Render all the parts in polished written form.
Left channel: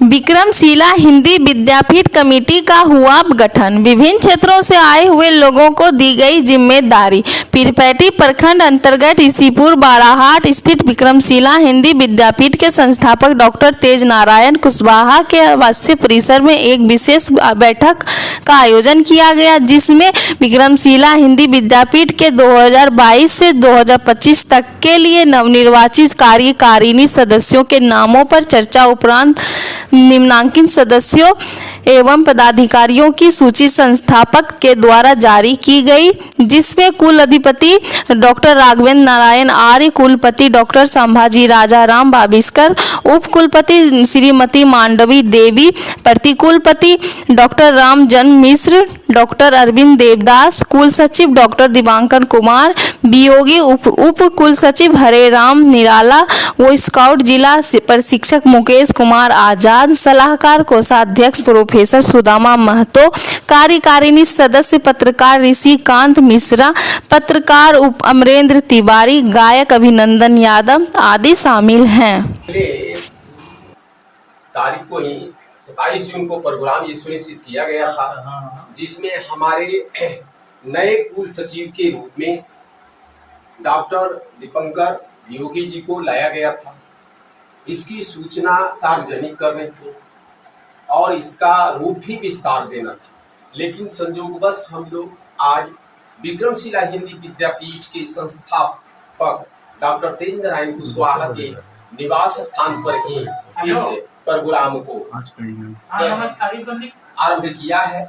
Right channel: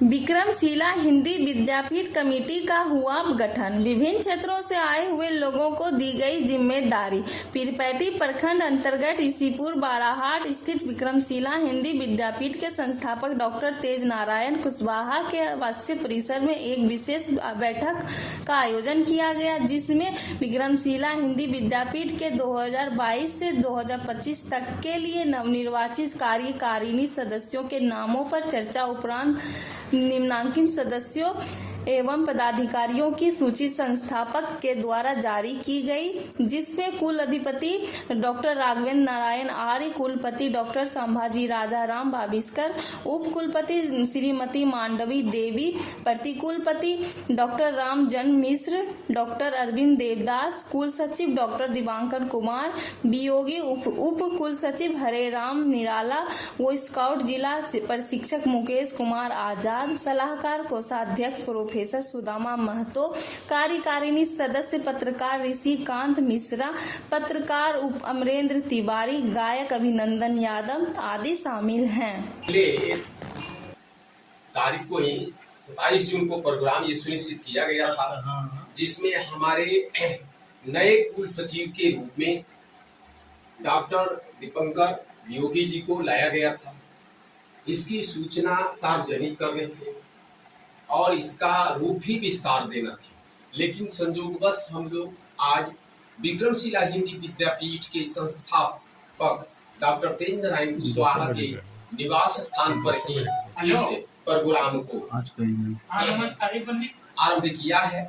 विक्रमशिला हिंदी विद्यापीठ committee का हुआ गठन। विभिन्न क्षेत्रों से आए हुए लोगों को दी गई जिम्मेदारी। पीरपैंती प्रखंड अंतर्गत इसीपुर बाराहाट स्थित विक्रमशिला हिंदी विद्यापीठ के संस्थापक डॉक्टर तेज नारायण कुशवाहा के आवासीय परिसर में एक विशेष बैठक का आयोजन किया गया, जिसमें विक्रमशिला हिंदी विद्यापीठ के 2022 से 2025 तक के लिए नवनिर्वाचित कार्यकारिणी सदस्यों के नामों पर चर्चा उपरांत निम्नांकित सदस्यों एवं पदाधिकारियों की सूची संस्थापक के द्वारा जारी की गई, जिसमें कुल अधिपति डॉक्टर राघवेंद्र नारायण आर्य, कुलपति डॉक्टर संभाजी राजा राम बाबिस्कर, उप कुलपति श्रीमती मांडवी देवी, प्रतिकुलपति डॉक्टर रामजन मिश्र, डॉक्टर अरविंद देवदास, कुल सचिव डॉक्टर दिवांकर कुमार, वियोगी उप कुल सचिव हरे राम निराला, वो स्काउट जिला प्रशिक्षक मुकेश कुमार आजाद, सलाहकार कोषाध्यक्ष प्रोफेसर सुदामा महतो, कार्यकारिणी सदस्य पत्रकार ऋषिकांत मिश्रा, पत्रकार अमरेंद्र तिवारी, गायक अभिनंदन यादव आदि शामिल हैं। तारीख को ही 27 जून को प्रोग्राम ये सुनिश्चित किया गया था, जिसमें हमारे नए कुल सचिव के रूप में डॉक्टर दीपंकर योगी जी को लाया गया था। इसकी सूचना सार्वजनिक करने थे और इसका रूप भी विस्तार देना था, लेकिन संयोगवश हम लोग आज विक्रमशिला हिंदी विद्यापीठ के संस्थापक डॉक्टर तेज नारायण कुशवाहा के निवास स्थान पर ही इस प्रोग्राम को आरंभ किया है।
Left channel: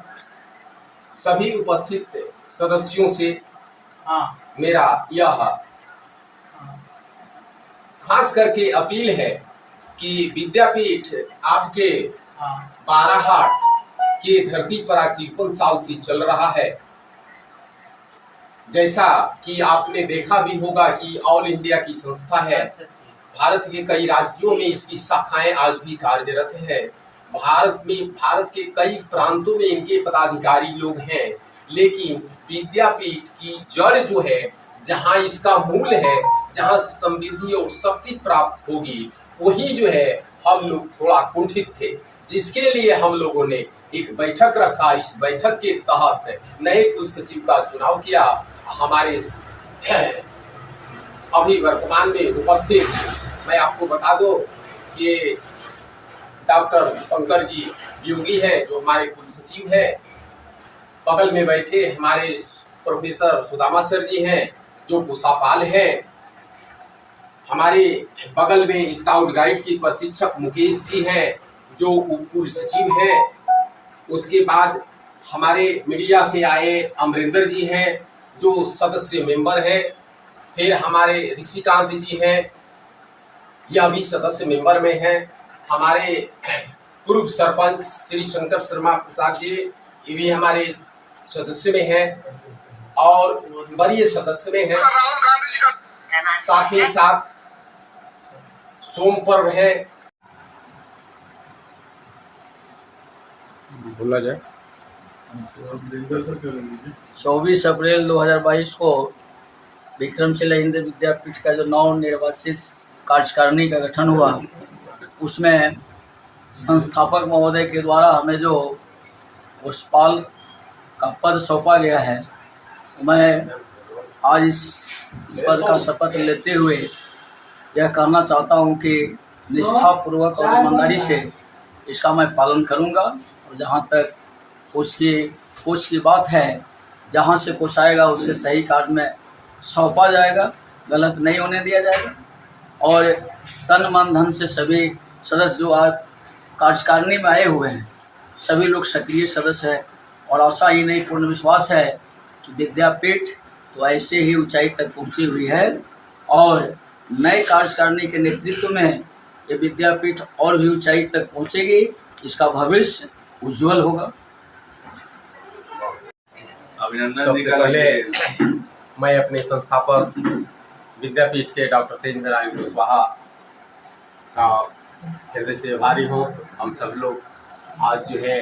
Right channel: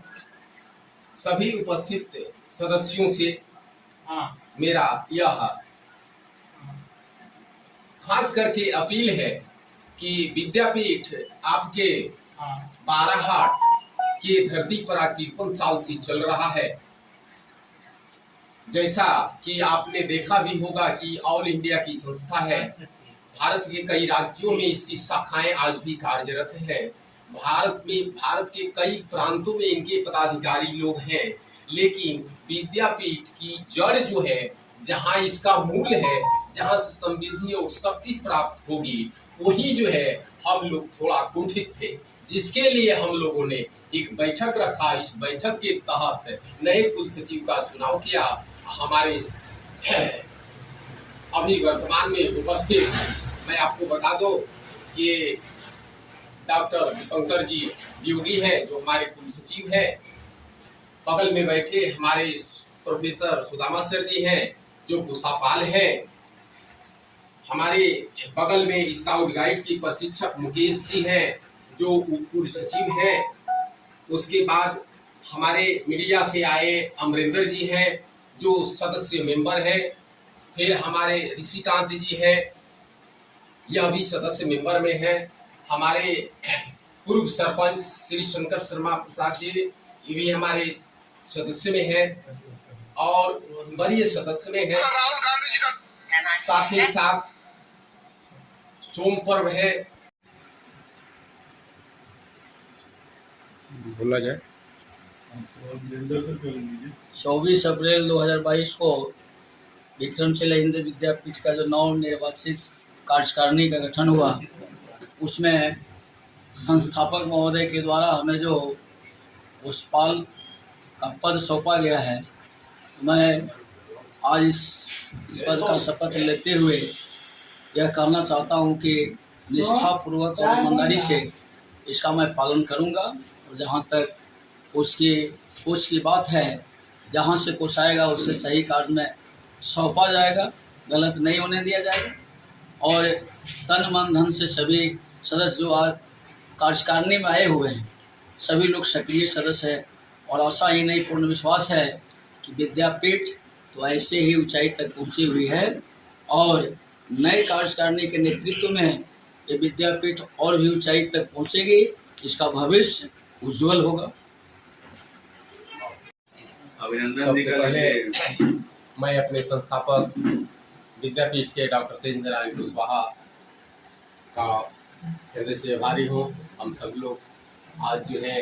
सभी उपस्थित सदस्यों से मेरा यह खास करके अपील है कि विद्यापीठ आपके बाराहाट के धरती पर 53 साल से चल रहा है। जैसा कि आपने देखा भी होगा कि ऑल इंडिया की संस्था है। भारत के कई राज्यों में इसकी शाखाएं आज भी कार्यरत है। भारत के कई प्रांतों में इनके पदाधिकारी लोग हैं, लेकिन विद्यापीठ की जड़ जो है, जहां इसका मूल है, जहां से समृद्धि और शक्ति प्राप्त होगी, वही जो है हम लोग थोड़ा कुंठित थे, जिसके लिए हम लोगों ने एक बैठक रखा। इस बैठक के तहत नए कुल सचिव का चुनाव किया। हमारे अभी वर्तमान में उपस्थित मैं आपको बता दो कि डॉक्टर दीपंकर जी योगी हैं, जो हमारे कुल सचिव हैं। बगल में बैठे हमारे प्रोफेसर सुदामा सर जी हैं, जो कोषापाल हैं। हमारे बगल में स्काउट गाइड के प्रशिक्षक मुकेश जी हैं, जो उप कुल सचिव हैं। उसके बाद हमारे मीडिया से आए अमरेंद्र जी हैं, जो सदस्य मेंबर हैं। फिर हमारे ऋषिकांत जी हैं, यह भी सदस्य मेंबर में हैं। हमारे पूर्व सरपंच श्री शंकर शर्मा प्रसाद जी, ये भी हमारे सदस्य में हैं और वरीय सदस्य में हैं। साथ ही साथ सोम पर्व है। बोला जाए 24 अप्रैल 2022 को विक्रमशिला हिंदी विद्यापीठ का जो नवनिर्वाचित कार्यकारिणी का गठन हुआ, उसमें संस्थापक महोदय के द्वारा हमें जो कोषपाल का पद सौंपा गया है, मैं आज इस पद का शपथ लेते हुए यह कहना चाहता हूं कि निष्ठापूर्वक और ईमानदारी से इसका मैं पालन करूंगा। और जहां तक कोष की बात है, जहां से कोष आएगा उससे सही कार्य में सौंपा जाएगा, गलत नहीं होने दिया जाएगा। और तन मन धन से सभी सदस्य जो आज कार्यकारिणी में आए हुए हैं, सभी लोग सक्रिय सदस्य हैं। और आशा ही नहीं, पूर्ण विश्वास है कि विद्यापीठ तो ऐसे ही ऊंचाई तक पहुंची हुई है और नए कार्यकारिणी के नेतृत्व में ये विद्यापीठ और भी ऊंचाई तक पहुंचेगी। इसका भविष्य उज्जवल होगा। सबसे पहले मैं अपने संस्थापक विद्यापीठ के डॉक्टर तेज नारायण कुशवाहा का हृदय से आभारी हूँ। हम सब लोग आज जो है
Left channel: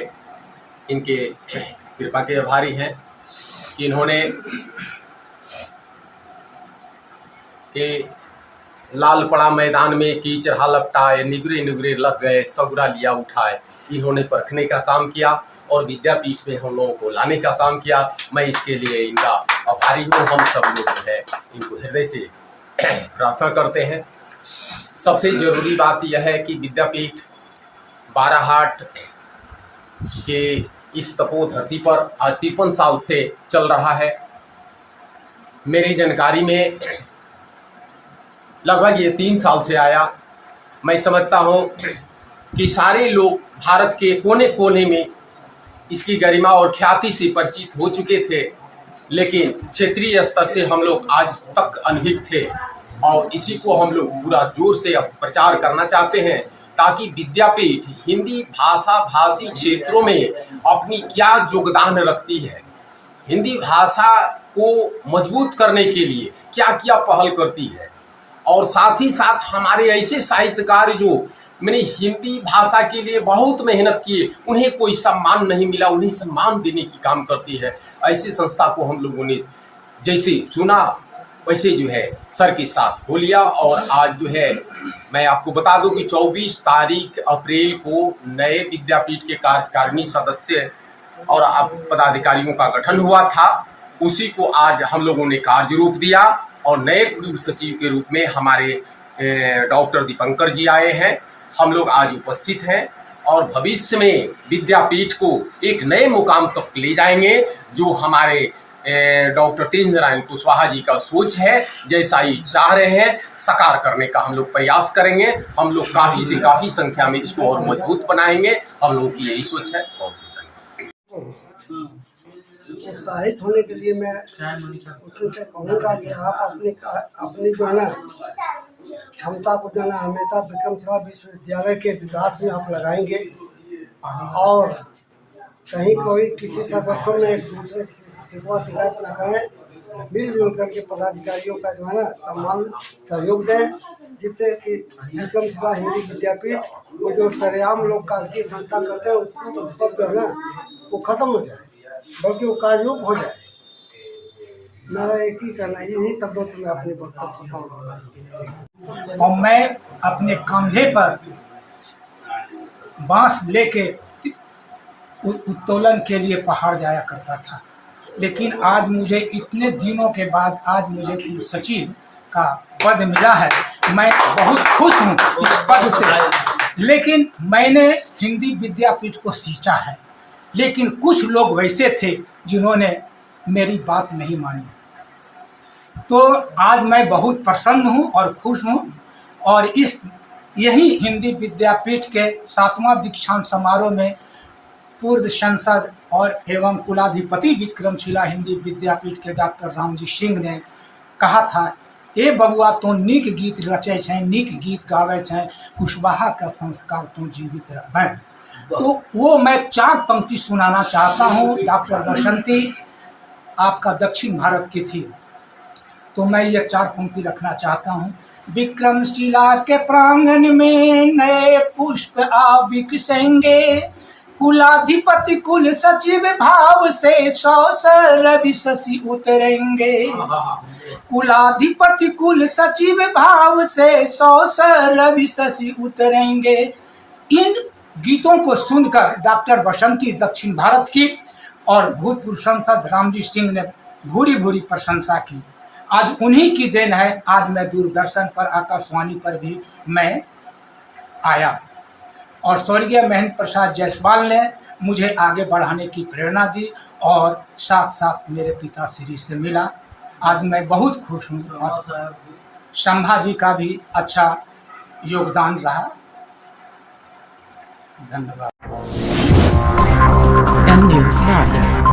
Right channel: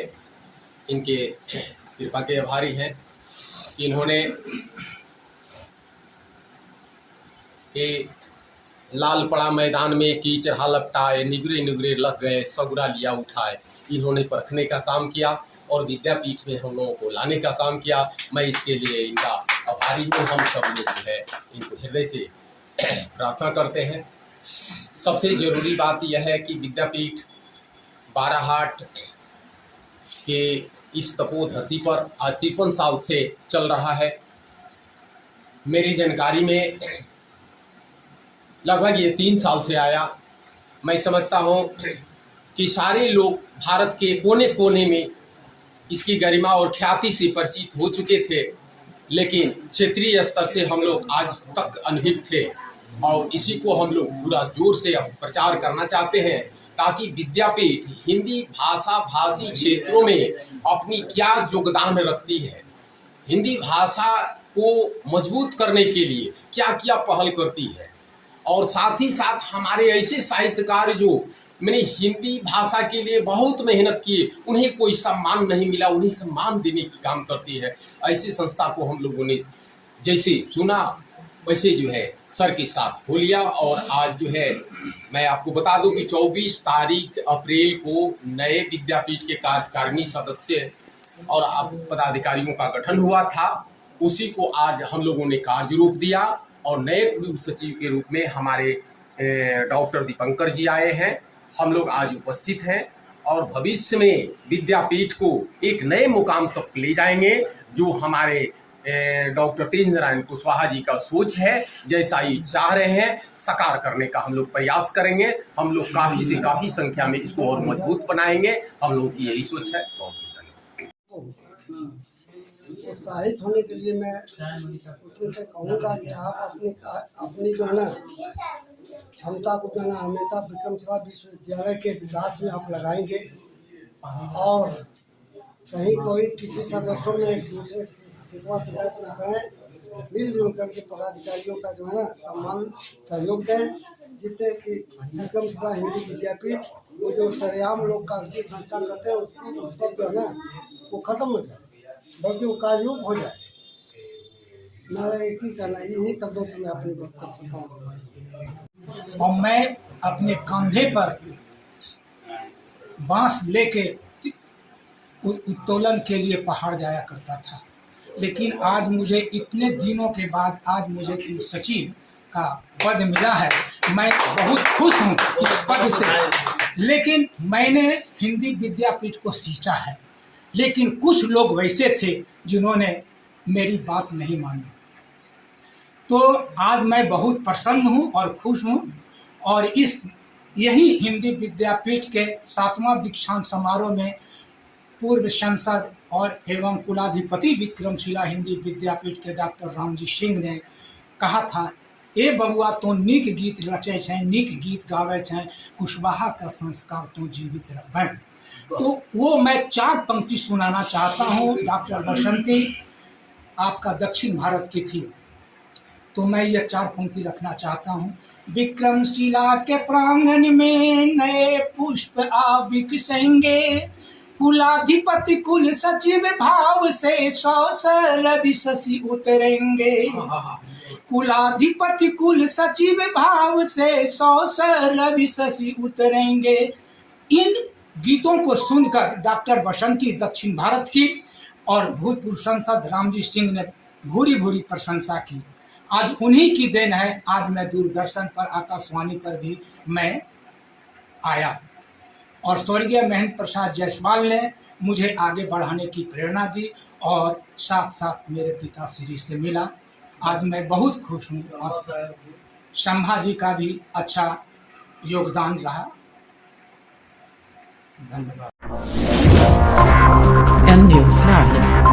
इनके कृपा के आभारी हैं कि इन्होंने कि लाल पड़ा मैदान में कीचड़ लपटाए, निगरे निगरे लग गए, सगुरा लिया उठाए। इन्होंने परखने का काम किया और विद्यापीठ में हम लोगों को लाने का काम किया। मैं इसके लिए इनका आभारी हूँ। हम सब लोग जो है इनको हृदय से प्रार्थना करते हैं। सबसे ज़रूरी बात यह है कि विद्यापीठ बाराहाट के इस तपो धरती पर आज 53 साल से चल रहा है। मेरी जानकारी में लगभग ये 3 साल से आया। मैं समझता हूँ कि सारे लोग भारत के कोने कोने में इसकी गरिमा और ख्याति से परिचित हो चुके थे, लेकिन क्षेत्रीय स्तर से हम लोग आज तक अनभिज्ञ थे और इसी को हम लोग पूरा जोर से अब प्रचार करना चाहते हैं ताकि विद्यापीठ हिंदी भाषा भाषी क्षेत्रों में अपनी क्या योगदान रखती है, हिंदी भाषा को मजबूत करने के लिए क्या क्या पहल करती है, और साथ ही साथ हमारे ऐसे साहित्यकार जो मैंने हिंदी भाषा के लिए बहुत मेहनत किए, उन्हें कोई सम्मान नहीं मिला, उन्हें सम्मान देने की काम करती है। ऐसी संस्था को हम लोगों ने जैसे सुना वैसे जो है सर के साथ हो लिया। और आज जो है मैं आपको बता दूं कि 24 तारीख अप्रैल को नए विद्यापीठ के कार्यकारिणी सदस्य और पदाधिकारियों का गठन हुआ था। उसी को आज हम लोगों ने कार्य रूप दिया और नए कुल सचिव के रूप में हमारे डॉक्टर दीपंकर जी आए हैं। हम लोग आज उपस्थित हैं और भविष्य में विद्यापीठ को एक नए मुकाम तक ले जाएंगे, जो हमारे डॉक्टर तेजेंद्र नारायण कुशवाहा जी का सोच है। जैसा ये चाह रहे हैं साकार करने का हम लोग प्रयास करेंगे। हम लोग काफ़ी से काफ़ी संख्या में इसको और मजबूत बनाएंगे। हम लोगों की यही सोच है। उत्साहित होने के लिए मैं उससे कहूँगा कि आप अपनी जो है ना क्षमता को जो है ना हमेशा विक्रमशिला विश्वविद्यालय के विकास में आप लगाएंगे और कहीं कोई किसी सदस्यों में एक दूसरे शिकवा शिकायत न करें। मिलजुल करके पदाधिकारियों का जो है ना सम्मान सहयोग दें, जिससे कि विक्रमशिला हिंदी विद्यापीठ वो जो सरेआम लोग कागजी संस्था करते हैं उसको सब जो है ना वो खत्म हो जाए, बल्कि वो कार्यरूप हो जाए। मेरा एक ही कहना, इन्हीं शब्दों से मैं अपनी वक्तव्य और मैं अपने कंधे पर बांस लेके उत्तोलन के लिए पहाड़ जाया करता था, लेकिन आज मुझे इतने दिनों के बाद आज मुझे कुल सचिव का पद मिला है। मैं बहुत खुश हूँ इस पद से। लेकिन मैंने हिंदी विद्यापीठ को सींचा है, लेकिन कुछ लोग वैसे थे जिन्होंने मेरी बात नहीं मानी। तो आज मैं बहुत प्रसन्न हूँ और खुश हूँ और यही हिंदी विद्यापीठ के 7वां दीक्षांत समारोह में पूर्व सांसद और एवं कुलाधिपति विक्रमशिला हिंदी विद्यापीठ के डॉक्टर रामजी सिंह ने कहा था, ए बबुआ तो नीक गीत रचे छें, नीक गीत गावे छें, कुशवाहा का संस्कार तो जीवित रखें। तो वो मैं 4 पंक्ति सुनाना चाहता हूँ। डॉक्टर बसंती आपका दक्षिण भारत की थी, तो मैं ये 4 पंक्ति रखना चाहता हूँ। विक्रमशिला के प्रांगण में नए पुष्प आ विकसेंगे, कुलाधिपति कुल सचिव भाव से 100 रवि शशि उतरेंगे। कुलाधिपति कुल सचिव भाव से 100 रवि शशि उतरेंगे। इन गीतों को सुनकर डॉक्टर बसंती दक्षिण भारत की और भूतपूर्व सांसद रामजी सिंह ने भूरी भूरी प्रशंसा की। आज उन्हीं की देन है, आज मैं दूरदर्शन पर आकाशवाणी पर भी मैं आया और स्वर्गीय महेंद्र प्रसाद जायसवाल ने मुझे आगे बढ़ाने की प्रेरणा दी और साथ साथ मेरे पिताश्री से मिला। आज मैं बहुत खुश हूँ और संभाजी का भी अच्छा योगदान रहा। धन्यवाद। M News Live.